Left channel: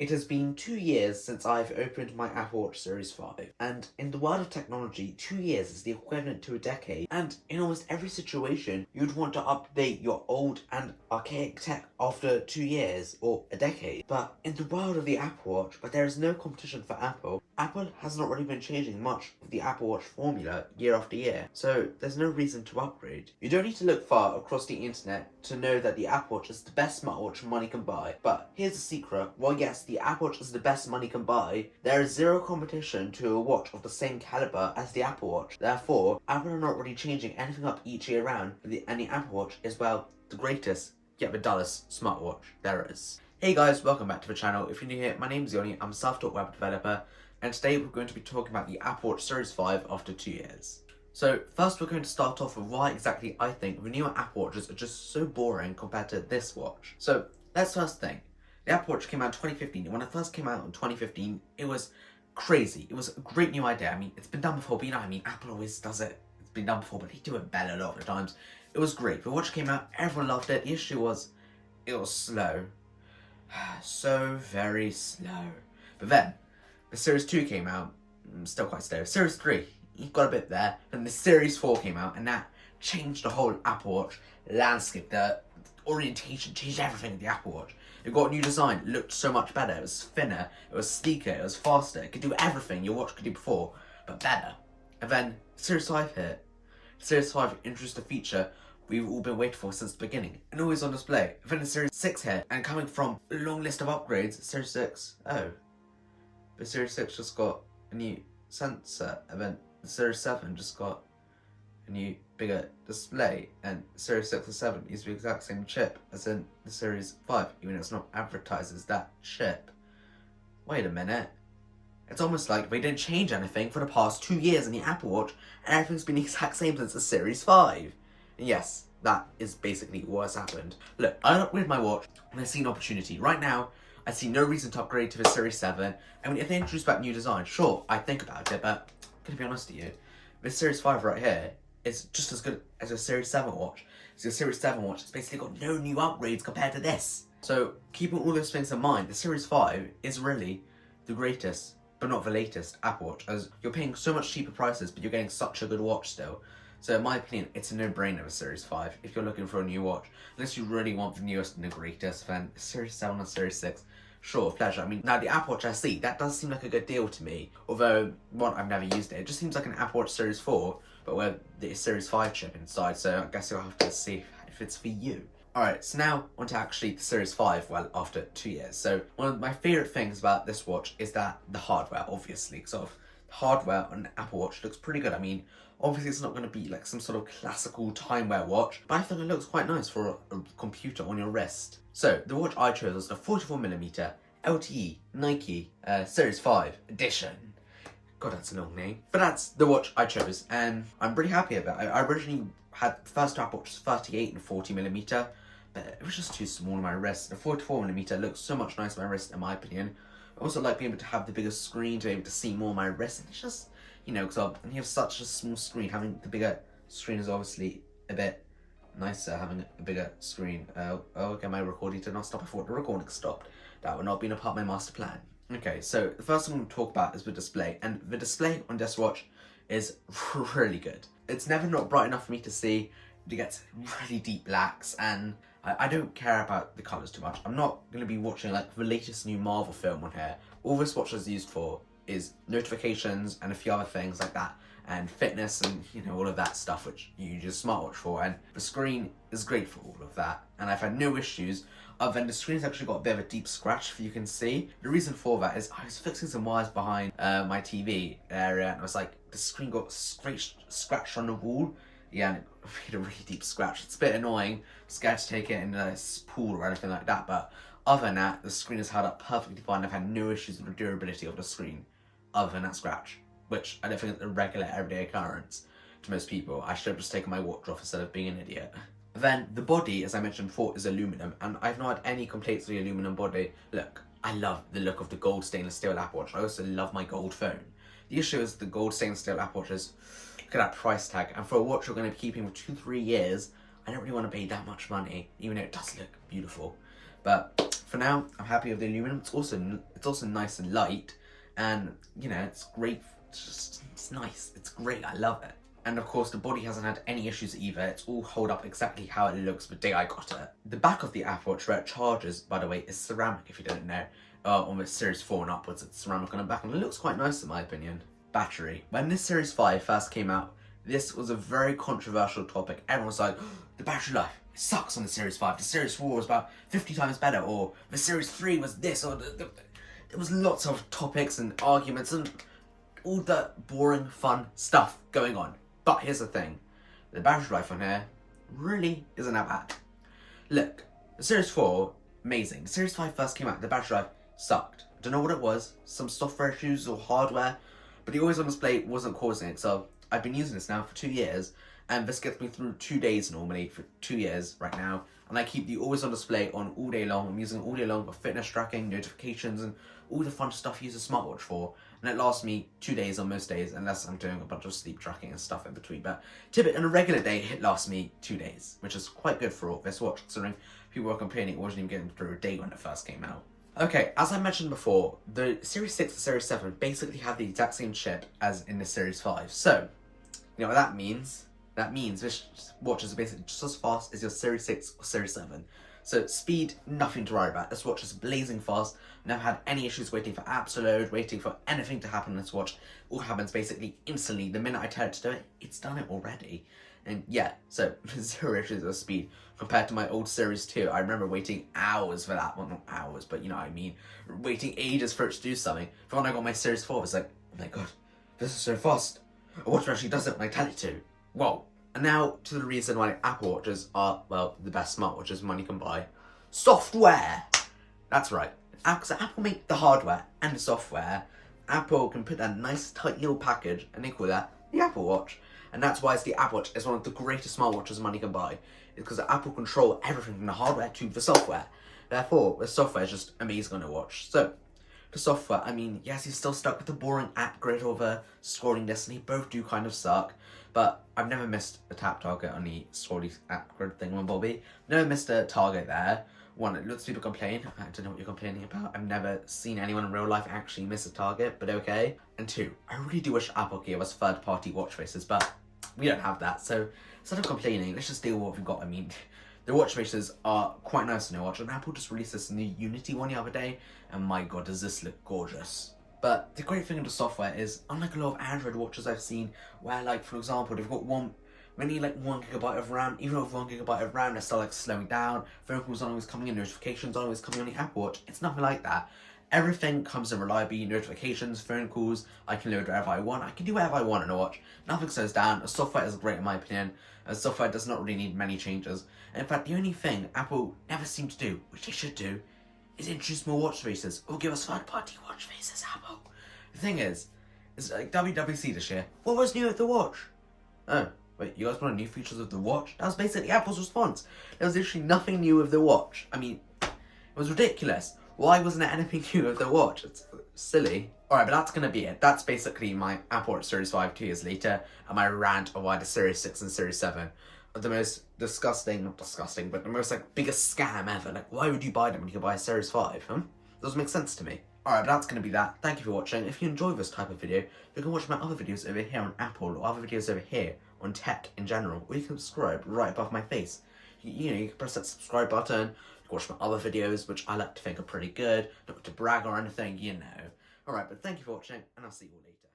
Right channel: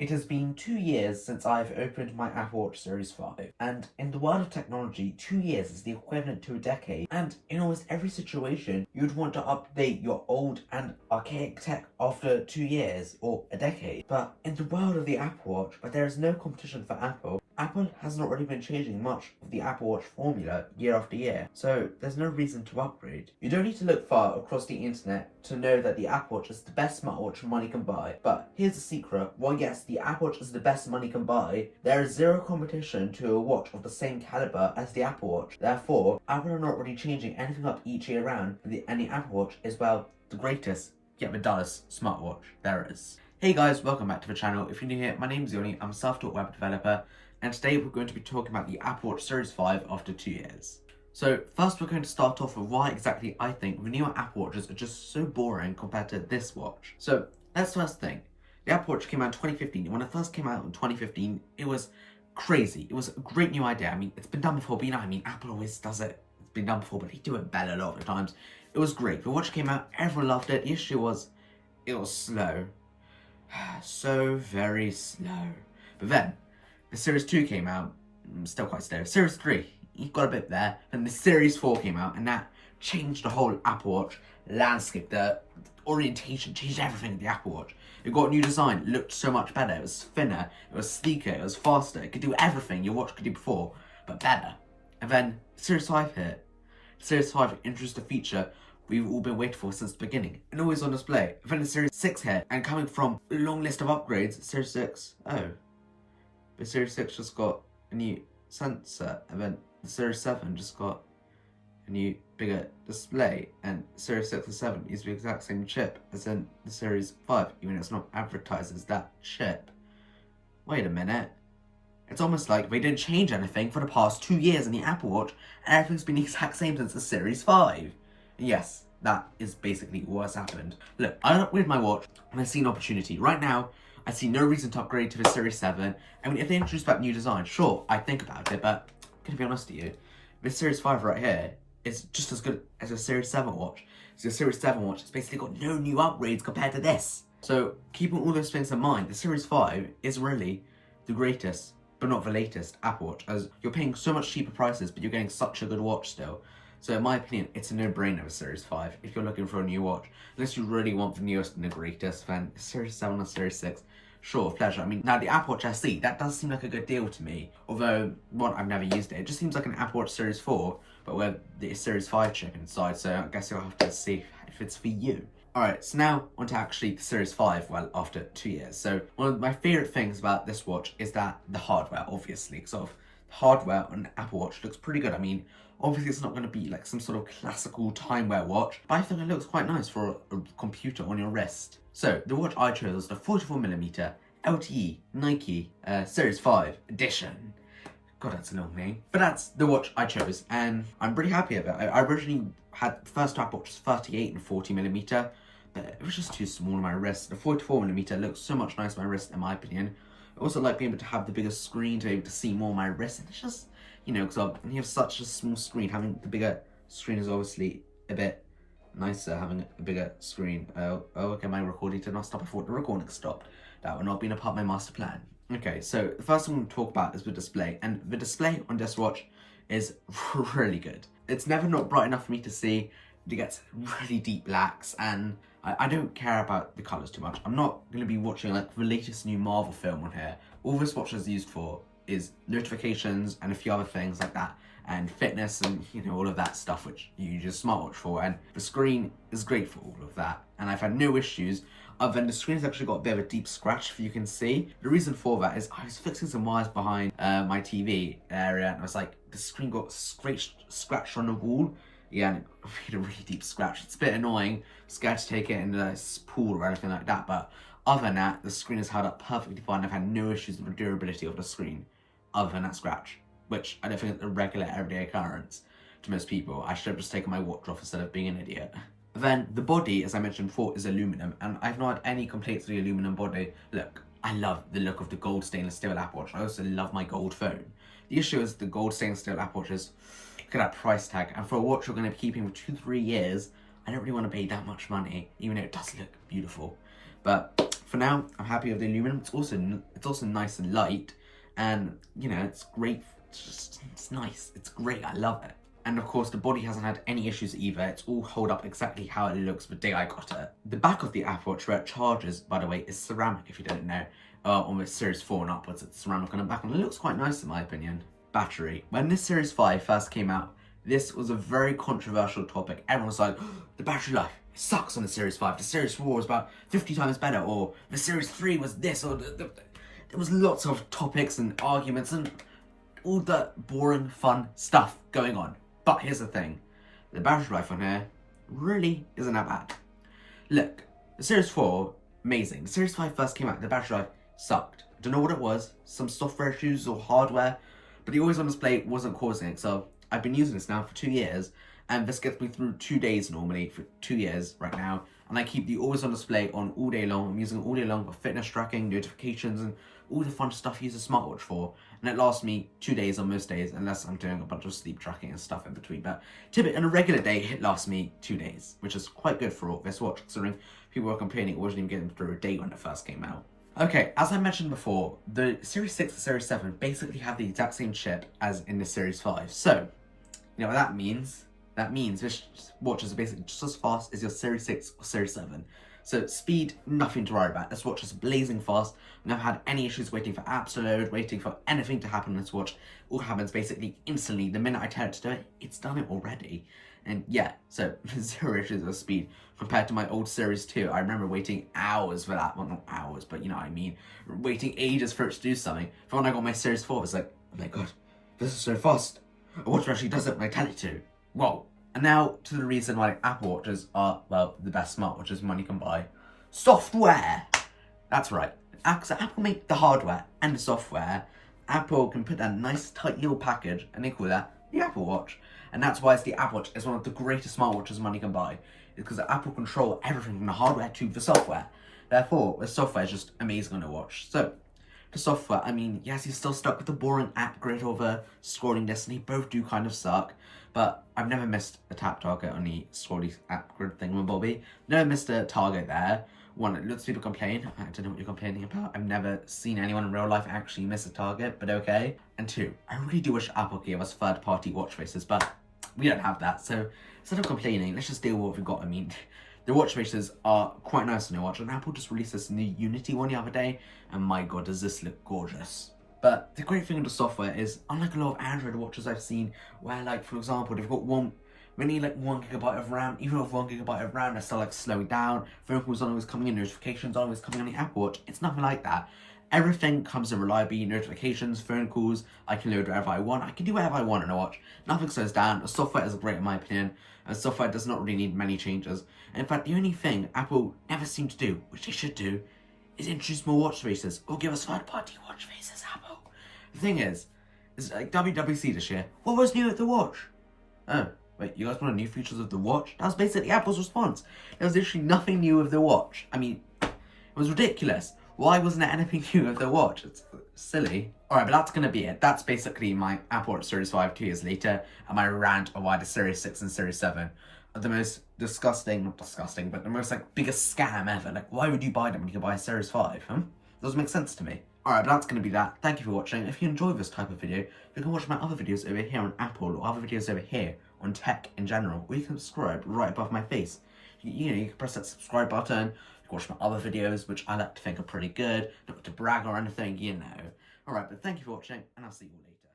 It has been 2 years since I've opened my Apple Watch Series 5, and in the world of technology, 2 years is the equivalent to a decade, and in almost every situation, you'd want to update your old and archaic tech after 2 years or a decade. But in the world of the Apple Watch, where there is no competition for Apple has not really been changing much of the Apple Watch formula year after year, so there's no reason to upgrade. You don't need to look far across the internet to know that the Apple Watch is the best smartwatch money can buy. But here's the secret: while yes, the Apple Watch is the best money can buy, there is zero competition to a watch of the same caliber as the Apple Watch. Therefore, Apple are not really changing anything up each year round, and the Apple Watch is, well, the greatest, yet the dullest smartwatch there is. Hey guys, welcome back to the channel. If you're new here, my name is Yoni, I'm a self-taught web developer, and today we're going to be talking about the Apple Watch Series 5 after 2 years. So first we're going to start off with why exactly I think the newer Apple Watches are just so boring compared to this watch. So let's first think. The Apple Watch came out in 2015, and when it first came out in 2015, it was crazy. It was a great new idea. I mean, it's been done before, but Apple always does it. It's been done before, but they do it better a lot of the times. It was great. The watch came out, everyone loved it. The issue was, it was slow. So very slow. But then, the Series 2 came out, still quite slow. Series 3, you got a bit there. And the Series 4 came out, and that changed the whole Apple Watch landscape. The orientation changed everything of the Apple Watch. It got a new design, it looked so much better. It was thinner, it was sleeker, it was faster. It could do everything your watch could do before, but better. And then Series 5 hit. Series 5 introduced a feature we've all been waiting for since the beginning, and always on display. And then the Series 6 hit, and coming from a long list of upgrades, Series 6, but Series 6 just got a new sensor, and then the Series 7 just got a new bigger display, and Series 6 and 7 use the exact same chip as in the Series 5, even though it's not advertised as that chip. Wait a minute. It's almost like they didn't change anything for the past 2 years in the Apple Watch, and everything's been the exact same since the Series 5. And yes, that is basically what has happened. Look, I upgraded my watch and I see an opportunity. Right now, I see no reason to upgrade to the Series 7. I mean, if they introduce that new design, sure, I'd think about it, but I'm gonna be honest with you, this Series 5 right here is just as good as a Series 7 watch. So the Series 7 watch has basically got no new upgrades compared to this. So, keeping all those things in mind, the Series 5 is really the greatest, but not the latest Apple Watch, as you're paying so much cheaper prices, but you're getting such a good watch still. So in my opinion, it's a no-brainer with Series 5 if you're looking for a new watch. Unless you really want the newest and the greatest, then Series 7 or Series 6, sure, pleasure. I mean, now the Apple Watch SE, that does seem like a good deal to me. Although, one, I've never used it. It just seems like an Apple Watch Series 4, but with the Series 5 chip inside, so I guess you'll have to see if it's for you. Alright, so now on to actually the Series 5, well, after 2 years. So one of my favourite things about this watch is that the hardware, obviously, sort of hardware on an Apple Watch looks pretty good. I mean, obviously it's not going to be like some sort of classical time-wear watch, but I think it looks quite nice for a computer on your wrist. So the watch I chose was the 44mm LTE Nike Series 5 edition. God, that's a long name. But that's the watch I chose, and I'm pretty happy with it. I originally had the first Apple Watch was 38 and 40mm, but it was just too small on my wrist. The 44mm looks so much nicer on my wrist, in my opinion. I also like being able to have the bigger screen to be able to see more of my wrist, and it's just, you know, because when you have such a small screen, having the bigger screen is obviously a bit nicer, having a bigger screen. Okay, my recording did not stop before the recording stopped. That would not be a part of my master plan. Okay, so the first thing I'm going to talk about is the display, and the display on this watch is really good. It's never not bright enough for me to see. It gets really deep blacks, and I don't care about the colours too much. I'm not going to be watching like the latest new Marvel film on here. All this watch is used for is notifications and a few other things like that, and fitness and, you know, all of that stuff which you use a smartwatch for, and the screen is great for all of that, and I've had no issues other than the screen's actually got a bit of a deep scratch, if you can see. The reason for that is I was fixing some wires behind my TV area, and I was like, the screen got scratched on the wall. Yeah, and it made a really deep scratch. It's a bit annoying. I'm scared to take it in a pool or anything like that, but other than that, the screen is held up perfectly fine. I've had no issues with the durability of the screen, other than that scratch, which I don't think is a regular everyday occurrence to most people. I should have just taken my watch off instead of being an idiot. Then the body, as I mentioned before, is aluminum, and I've not had any complaints with the aluminum body. Look, I love the look of the gold stainless steel Apple Watch. I also love my gold phone. The issue is the gold stainless steel Apple Watches, look at that price tag, and for a watch you're going to be keeping for 2-3 years, I don't really want to pay that much money, even though it does look beautiful. But for now, I'm happy with the aluminum. It's also nice and light, and you know, it's great. It's nice. It's great. I love it. And of course, the body hasn't had any issues either. It's all held up exactly how it looks the day I got it. The back of the Apple Watch where it charges, by the way, is ceramic, if you don't know. On the Series 4 and upwards, it's ceramic on the back, and it looks quite nice in my opinion. Battery. When this Series 5 first came out, this was a very controversial topic. Everyone was like, the battery life, it sucks on the Series 5. The Series 4 was about 50 times better, or the Series 3 was this, or there was lots of topics and arguments and all the boring, fun stuff going on. But here's the thing, the battery life on here really isn't that bad. Look, the Series 4, amazing. The Series 5 first came out, the battery life sucked. Don't know what it was, some software issues or hardware, but the always on display wasn't causing it. So I've been using this now for 2 years, and this gets me through 2 days normally for 2 years right now. And I keep the always on display on all day long. I'm using it all day long for fitness tracking, notifications, and all the fun stuff you use a smartwatch for. And it lasts me 2 days on most days, unless I'm doing a bunch of sleep tracking and stuff in between. But typically, on a regular day, it lasts me 2 days, which is quite good for this watch, considering people were complaining it wasn't even getting through a day when it first came out. Okay, as I mentioned before, the Series 6 and Series 7 basically have the exact same chip as in the Series 5. So, you know what that means? That means this watch is basically just as fast as your Series 6 or Series 7. So speed, nothing to worry about. This watch is blazing fast. I've never had any issues waiting for apps to load, waiting for anything to happen on this watch. All happens basically instantly. The minute I tell it to do it, it's done it already. And yeah, so 0 issues with speed compared to my old Series 2. I remember waiting hours for that. Well, not hours, but you know what I mean. Waiting ages for it to do something. For when I got my Series 4, it was like, oh my god, this is so fast. A watch actually does it when I tell it to. Whoa. And now to the reason why Apple Watches are, well, the best smartwatches money can buy. Software! That's right. So Apple make the hardware and the software. Apple can put that nice tight little package and they call that the Apple Watch. And that's why the Apple Watch is one of the greatest smartwatches money can buy. It's because Apple control everything from the hardware to the software. Therefore, the software is just amazing on a watch. So, the software, I mean, yes, you're still stuck with the boring app grid or the scrolling list, and they both do kind of suck. But I've never missed a tap target on the scrolling app grid thing with Bobby. Never missed a target there. One, lots of people complain. I don't know what you're complaining about. I've never seen anyone in real life actually miss a target, but okay. And 2, I really do wish Apple gave us third-party watch faces, but we don't have that. So instead of complaining, let's just deal with what we've got. I mean, the watch faces are quite nice on the watch, and Apple just released this new Unity one the other day, and my god, does this look gorgeous. But the great thing with the software is, unlike a lot of Android watches I've seen, where like, for example, they've got one 1 gigabyte of RAM, even with 1 gigabyte of RAM, they're still like slowing down, phone calls aren't always coming in, notifications aren't always coming on the Apple Watch. It's nothing like that. Everything comes in reliably, notifications, phone calls, I can load whatever I want, I can do whatever I want on a watch. Nothing slows down, the software is great in my opinion, and software does not really need many changes. And in fact, the only thing Apple never seem to do, which they should do, is introduce more watch faces, or give us third-party watch faces, Apple. The thing is like WWC this year, what was new with the watch? Oh, wait, you guys want new features of the watch? That was basically Apple's response. There was literally nothing new with the watch. I mean, it was ridiculous. Why wasn't there anything new with the watch? It's silly. Alright, but that's gonna be it. That's basically my Apple Watch Series 5 2 years later, and my rant on why the Series 6 and Series 7 are the most not disgusting, but the most like biggest scam ever. Like, why would you buy them when you can buy a Series 5? Doesn't make sense to me. Alright, but that's going to be that. Thank you for watching. If you enjoy this type of video, you can watch my other videos over here on Apple, or other videos over here on tech in general, or you can subscribe right above my face. You know, you can press that subscribe button, you can watch my other videos, which I like to think are pretty good, not to brag or anything, you know. Alright, but thank you for watching, and I'll see you all later.